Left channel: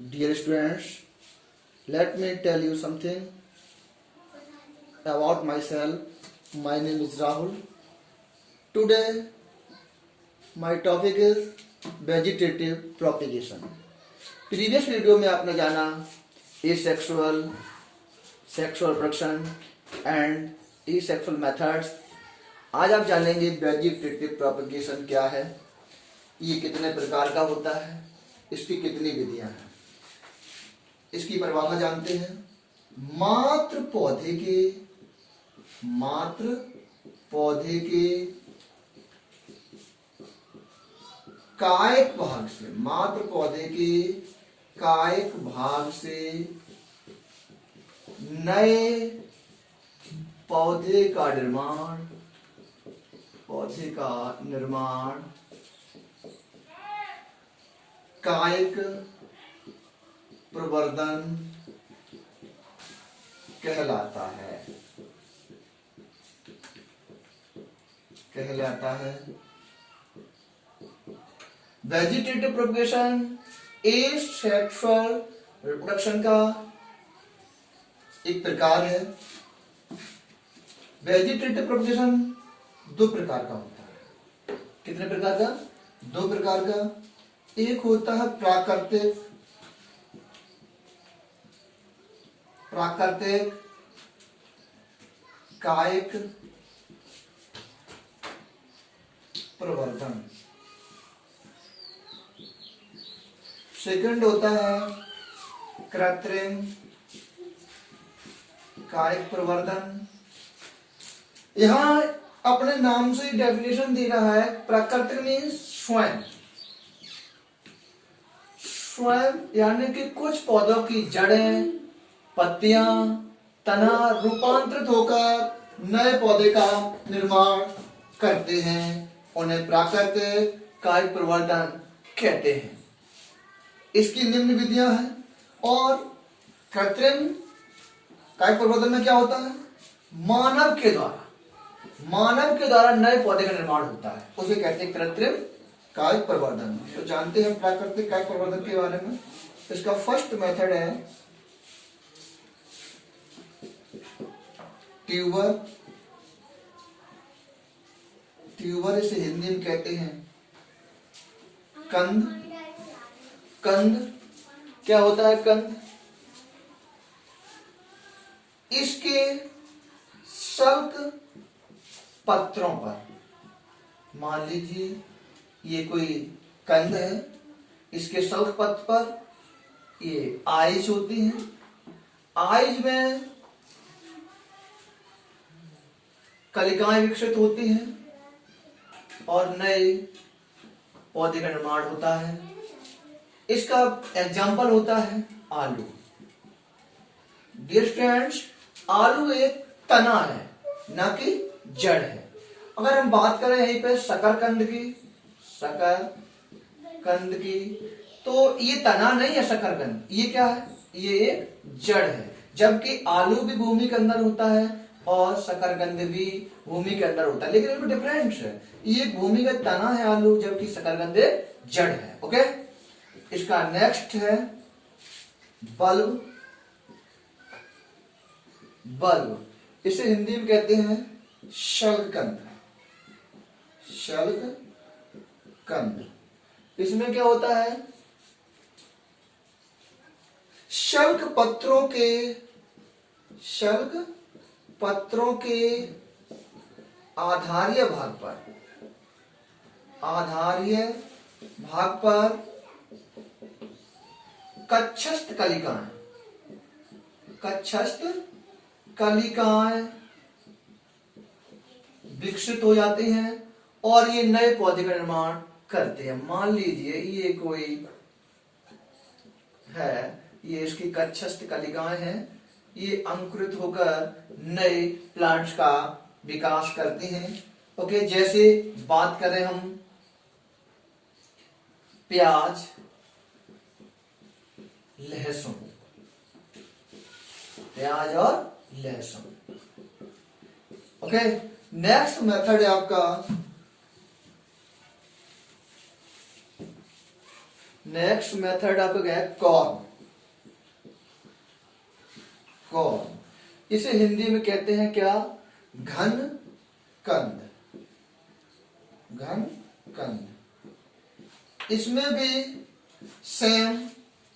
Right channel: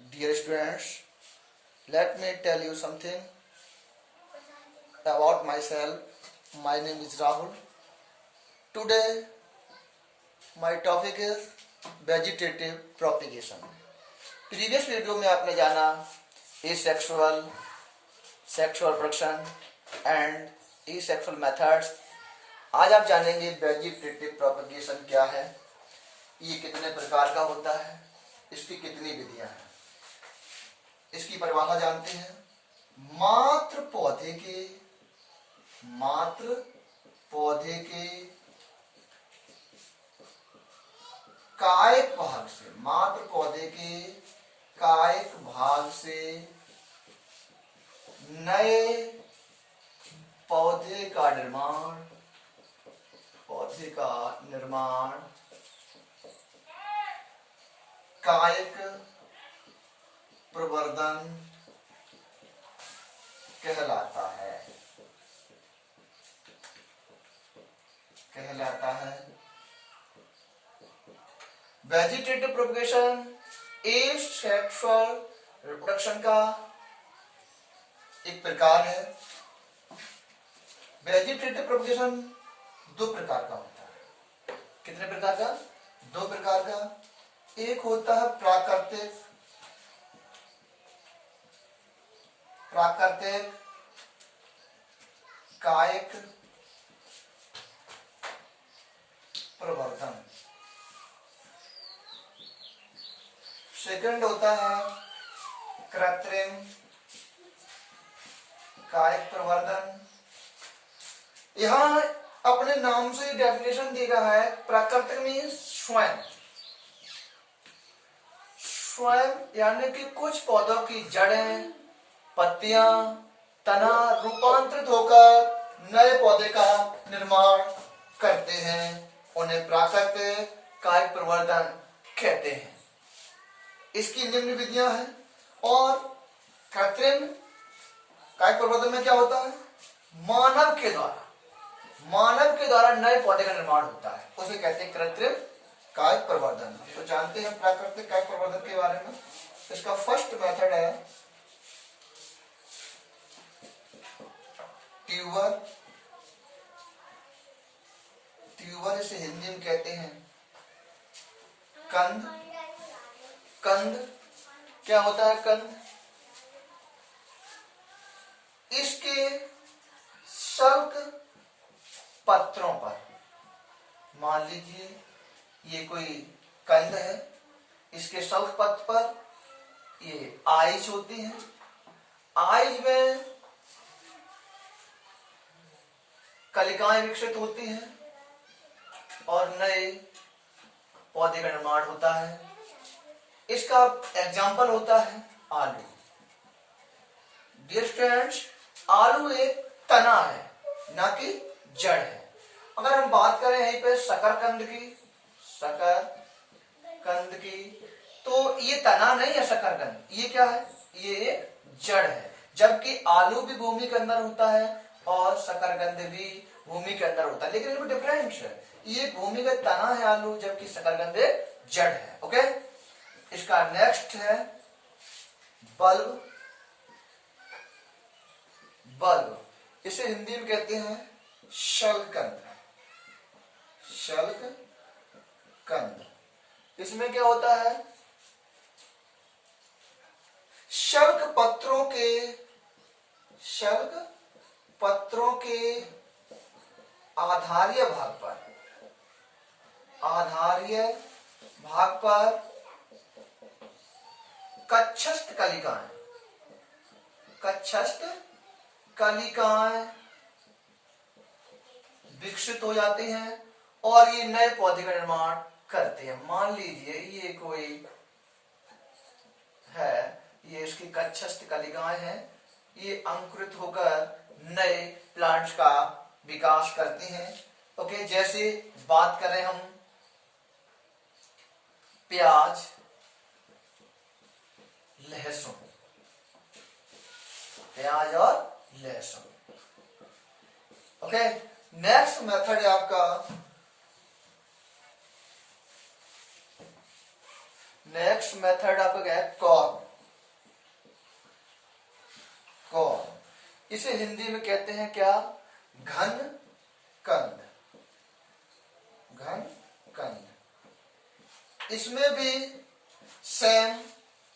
Dear students, let me tell you something about myself. My name is Rahul. Today, my topic is vegetative propagation. Previous video में आपने जाना asexual, sexual production and asexual methods. आज आप जानेंगे vegetative propagation क्या है, ये कितने प्रकार का होता है, इसकी कितनी विधियां हैं, इसकी परिभाषा जानते हैं। मात्र पौधे के कायिक भाग से नए पौधे का निर्माण कायिक प्रवर्धन कहलाता है। वेजिटेटिव प्रोपगेशन एसेक्सुअल रिप्रोडक्शन का एक प्रकार है। वेजिटेटिव प्रोपगेशन दो प्रकार का होता है। कितने प्रकार का? दो प्रकार का। एक होता है प्राकृतिक कायिक प्रवर्धन। सेकंड होता है कृत्रिम कायिक प्रवर्धन। यहां अपने नाम से ही डेफिनेशन दी रहा है। प्राकृतिक मीन्स स्वयं यानी कि कुछ पौधों की जड़ें, पत्तियां, तना रूपांतरित होकर नए पौधे का निर्माण करते हैं। उन्हें प्राकृतिक कायिक प्रवर्धन कहते हैं। इसकी निम्न विधियां हैं। और कृत्रिम कायिक प्रवर्धन में क्या होता है? मानव के द्वारा नए पौधे का निर्माण होता है, उसे कहते हैं कृत्रिम कायिक प्रवर्धन। तो जानते हैं प्राकृतिक कायिक प्रवर्धन के बारे में। इसका फर्स्ट मेथड है ट्यूबर, इसे हिंदी में कहते हैं कंद। क्या होता है कंद? इसके शल्क पत्रों पर, मान लीजिए ये कोई कंद है, इसके शल्क पत्र पर ये आइज होती है। आइज में कलिकाएं विकसित होती हैं और नए पौधे का निर्माण होता है। इसका एग्जाम्पल होता है आलू। डियर स्टूडेंट्स, आलू एक तना है, ना कि जड़ है। अगर हम बात करें यहीं पे शकरकंद की, तो ये तना नहीं है शकरकंद, ये क्या है? ये एक जड़ है। जबकि आलू भी भूमि के अंदर होता है और शकरकंद भी भूमि के अंदर होता है, लेकिन इनमें डिफरेंस है। ये भूमिगत तना है आलू, जबकि शकरकंद एक जड़ है। ओके, इसका नेक्स्ट है बल्ब। इसे हिंदी में कहते हैं शल्ककंद। इसमें क्या होता है? शल्क पत्रों के आधारीय भाग पर कक्षस्थ कलिकाएं विकसित हो जाती हैं और ये नए पौधे का निर्माण करते हैं। मान लीजिए ये कोई है, ये इसकी कक्षस्थ कलिकाएं हैं, ये अंकुरित होकर नए प्लांट्स का विकास करती हैं। ओके, जैसे बात करें हम प्याज, और लहसुन। ओके, नेक्स्ट मेथड है आपका क्या है? कॉर्न। कॉर्न। इसे हिंदी में कहते हैं क्या? घन कंद। घन कंद। इसमें भी सेम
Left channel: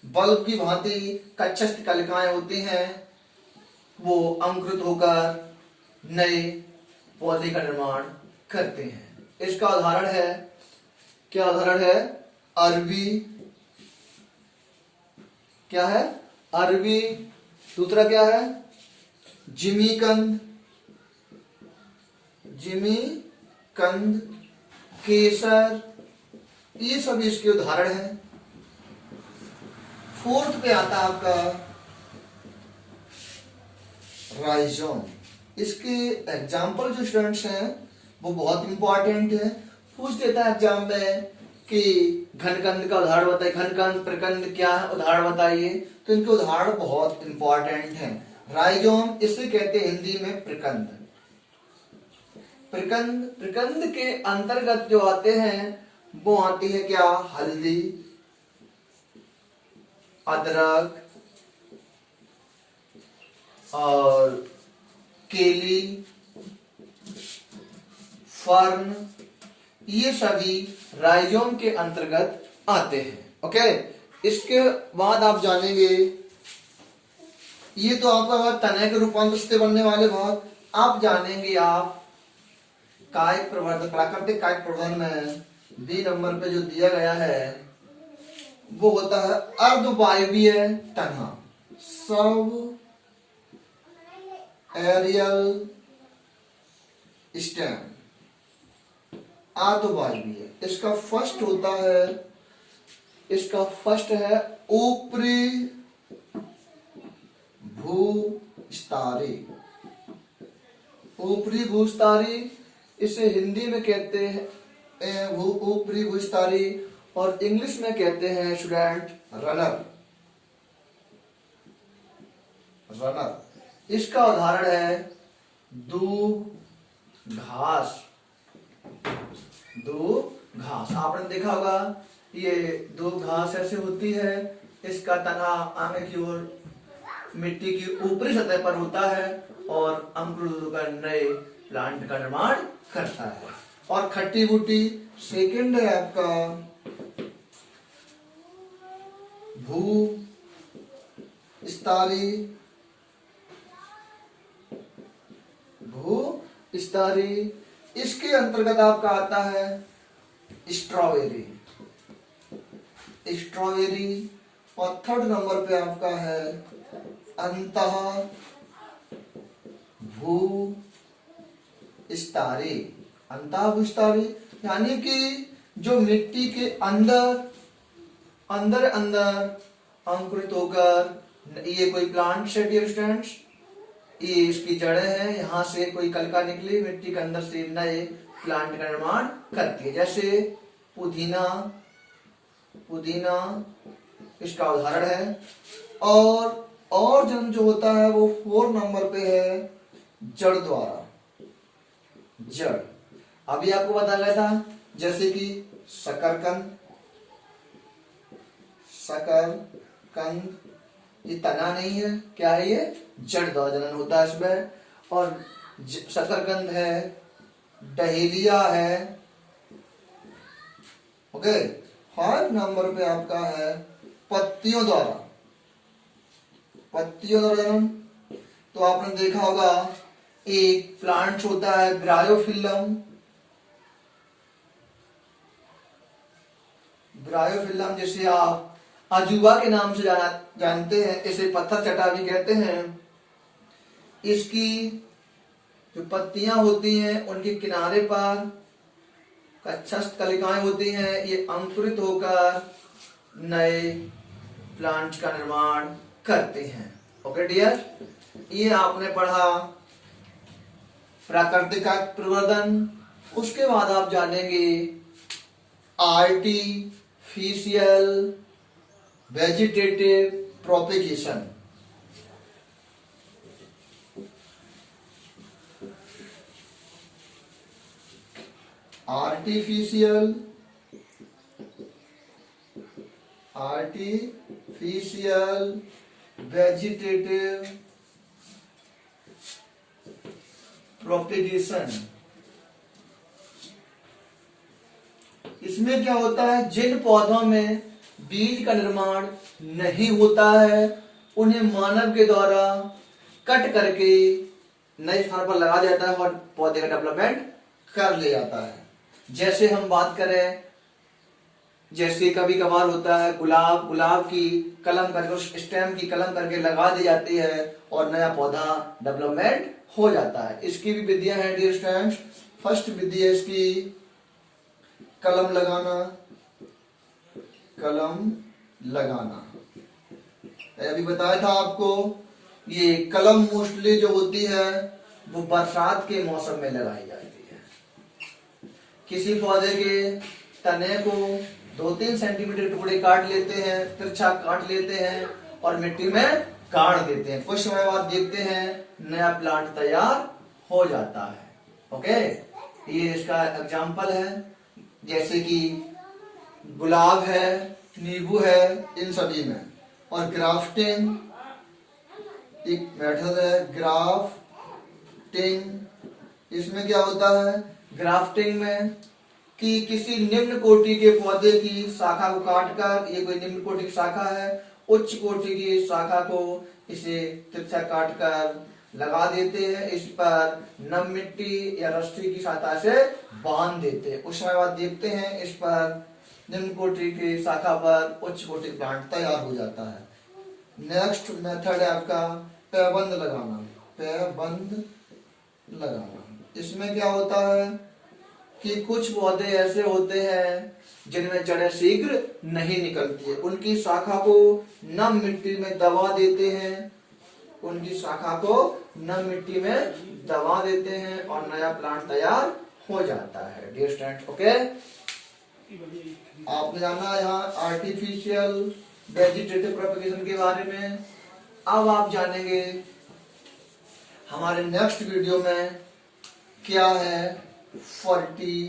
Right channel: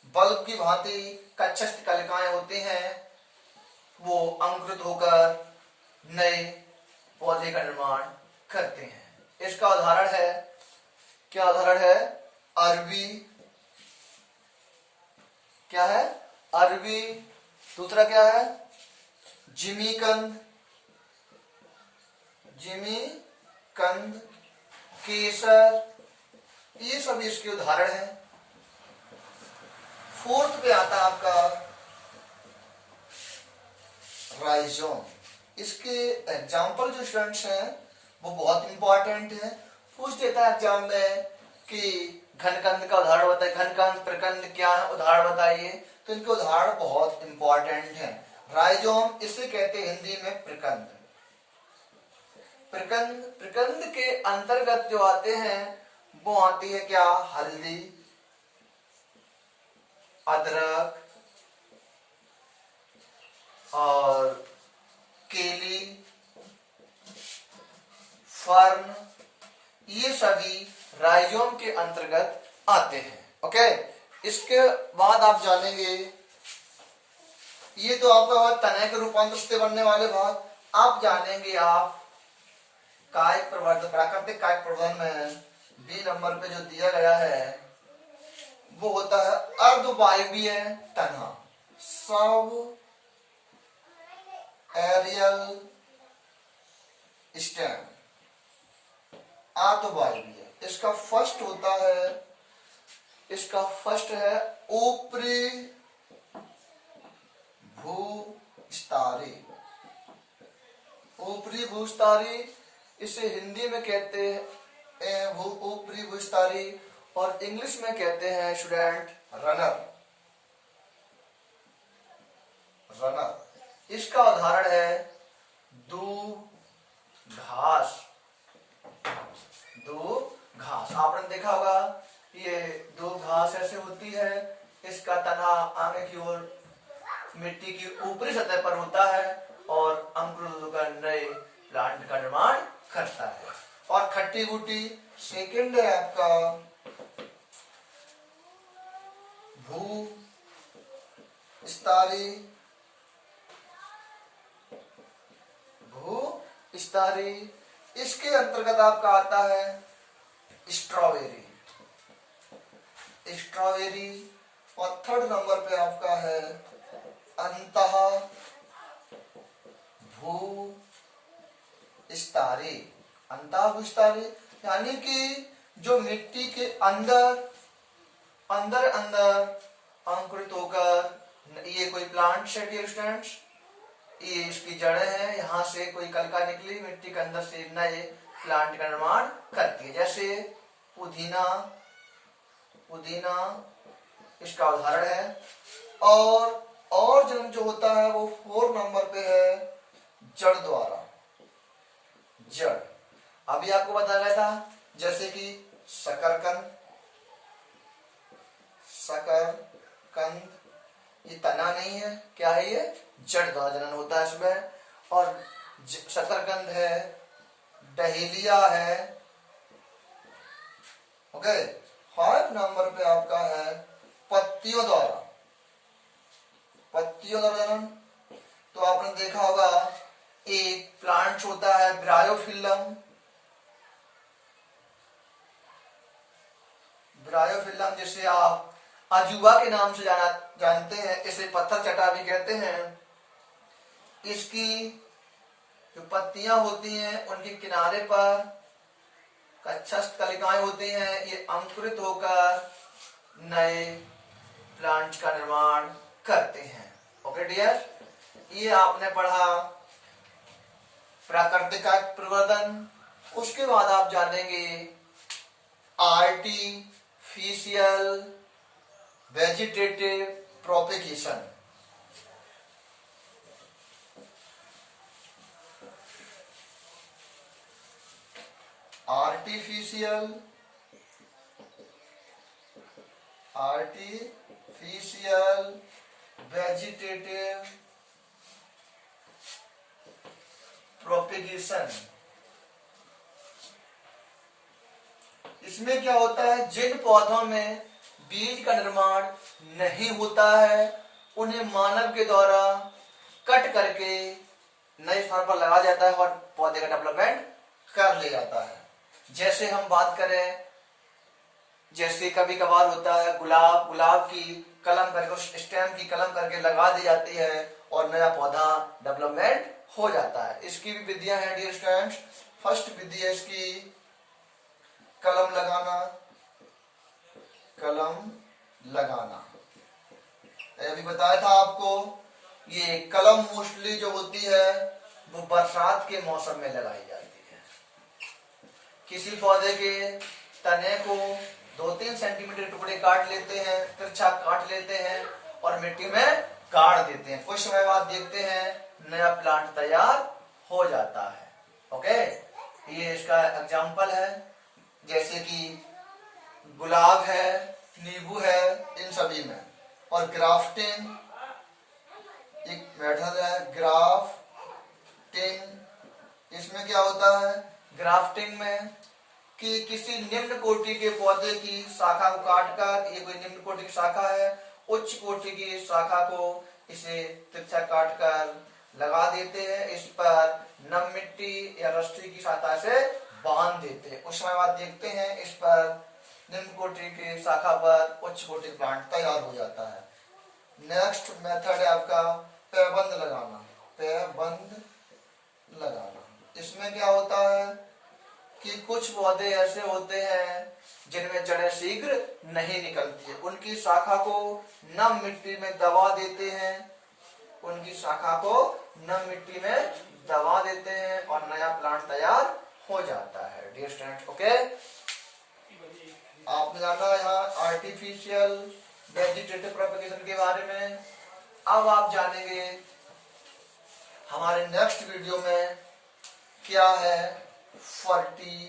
बल्ब की भांति कच्छस्थ कलिकाएं होती हैं, वो अंकुरित होकर नए पौधे का निर्माण करते हैं। इसका उदाहरण है, क्या उदाहरण है? अरबी। क्या है? अरबी। दूसरा क्या है? जिमीकंद। जिमीकंद, केसर, ये सब इसके उदाहरण हैं। फोर्थ पे आता है आपका राइजोम। इसके एग्जाम्पल जो स्टूडेंट्स हैं वो बहुत इंपॉर्टेंट है। पूछ देता है एग्जाम में कि घनकंद का उदाहरण बताइए, घनकंद प्रकंद क्या उदाहरण बताइए, तो इनके उदाहरण बहुत इंपॉर्टेंट हैं। राइजोम, इसे कहते हैं हिंदी में प्रकंद। प्रकंद, प्रकंद के अंतर्गत जो आते हैं वो आती है क्या? हल्दी, अदरक और केली, फर्न, ये सभी राइजोम के अंतर्गत आते हैं। ओके, इसके बाद आप जानेंगे, ये तो आपका तने के रूपांतर से बनने वाले भाग। आप जानेंगे आप कायिक प्रवर्धन, प्राकृतिक कायिक प्रवर्धन में बी नंबर पे जो दिया गया है वो होता है अर्धवायवीय तना, सब एरियल स्टेम, अर्धवायवीय। इसका फर्स्ट होता है, इसका फर्स्ट है ऊपरी भूस्तरी। ऊपरी भूस्तरी, इसे हिंदी में कहते हैं वो ऊपरी भूस्तरी, और इंग्लिश में कहते हैं स्टूडेंट रनर। रनर। इसका उदाहरण है दूब घास। दूब घास आपने देखा होगा, ये दूब घास ऐसे होती है, इसका तना आगे की ओर मिट्टी की ऊपरी सतह पर होता है और अंकुरित होकर नए प्लांट का निर्माण करता है। और खट्टी बूटी सेकंड है आपका भूस्तरी। भूस्तरी, इसके अंतर्गत आपका आता है स्ट्रॉबेरी। स्ट्रॉबेरी। और थर्ड नंबर पे आपका है अंतः भूस्तरी। अंतः भूस्तरी यानी कि जो मिट्टी के अंदर अंदर अंकुरित होकर, ये कोई प्लांट है डियर स्टूडेंट्स, ये इसकी जड़ें हैं, यहाँ से कोई कलिका निकली मिट्टी के अंदर से नए प्लांट का निर्माण करती है। जैसे पुदीना, पुदीना इसका उदाहरण है। और जो होता है वो 4 नंबर पे है जड़ द्वारा। जड़ अभी आपको बताया गया था, जैसे कि शकरकंद। शकरकंद ये तना नहीं है, क्या है ये? जड़ द्वारा जनन होता है इसमें। और शकरकंद है, डहेलिया है। ओके, 5 नंबर पे आपका है पत्तियों द्वारा। पत्तियों द्वारा जनन, तो आपने देखा होगा एक प्लांट होता है ब्रायोफिल्लम। ब्रायोफिल्लम जिसे आप अजूबा के नाम से जानते हैं, इसे पत्थर चटा भी कहते हैं। इसकी जो पत्तियां होती हैं उनके किनारे पर कच्छस्थ कलिकाएं होती हैं, ये अंकुरित होकर नए प्लांट का निर्माण करते हैं। ओके डियर, ये आपने पढ़ा प्राकृतिक प्रवर्धन। उसके बाद आप जानेंगे artificial vegetative propagation. Artificial vegetative propagation. इसमें क्या होता है, जिन पौधों में बीज का निर्माण नहीं होता है उन्हें मानव के द्वारा कट करके नए स्थान पर लगा जाता है और पौधे का डेवलपमेंट कर लिया जाता है। जैसे हम बात करें, जैसे कभी कभार होता है गुलाब की कलम करके, उस स्टेम की कलम करके लगा दी जाती है और नया पौधा डेवलपमेंट हो जाता है। इसकी भी विधियां हैं डियर स्टूडेंट्स। फर्स्ट विधि है इसकी कलम लगाना। कलम लगाना अभी बताया था आपको, ये कलम मोस्टली जो होती है वो बरसात के मौसम में लगाई जाती है। किसी पौधे के तने को 2-3 सेंटीमीटर टुकड़े काट लेते हैं, तिरछा काट लेते हैं और मिट्टी में गाड़ देते हैं। कुछ समय बाद देखते हैं नया प्लांट तैयार हो जाता है। ओके, ये इसका एग्जाम्पल है। जैसे कि गुलाब है, नींबू है, इन सभी में। और ग्राफ्टिंग एक मेथड है, ग्राफ्टिंग। इसमें क्या होता है, ग्राफ्टिंग में कि किसी निम्न कोटि के पौधे की शाखा को काटकर, ये कोई निम्न कोटि की शाखा है, उच्च कोटि की शाखा को इसे तिरछा काटकर लगा देते हैं। इस पर नम मिट्टी या रस्सी की सहायता से बांध देते हैं। उस समय बाद देखते हैं इस पर निम्न कोटि की शाखा पर उच्च कोटि प्लांट तैयार हो जाता है। नेक्स्ट मेथड है आपका पैबंद लगाना। पैबंद लगाना, इसमें क्या होता है कि कुछ पौधे ऐसे होते हैं जिनमें जड़ें शीघ्र नहीं निकलती है, उनकी शाखा को नम मिट्टी में दबा देते हैं। उनकी शाखा को नम मिट्टी में दबा देते हैं और नया प्लांट तैयार हो जाता है डियर स्टूडेंट्स। ओके, आपने जाना यहाँ आर्टिफिशियल वेजिटेटिव प्रोपेगेशन के बारे में। अब आप जानेंगे हमारे नेक्स्ट वीडियो में क्या है फर्टिलाइजेशन।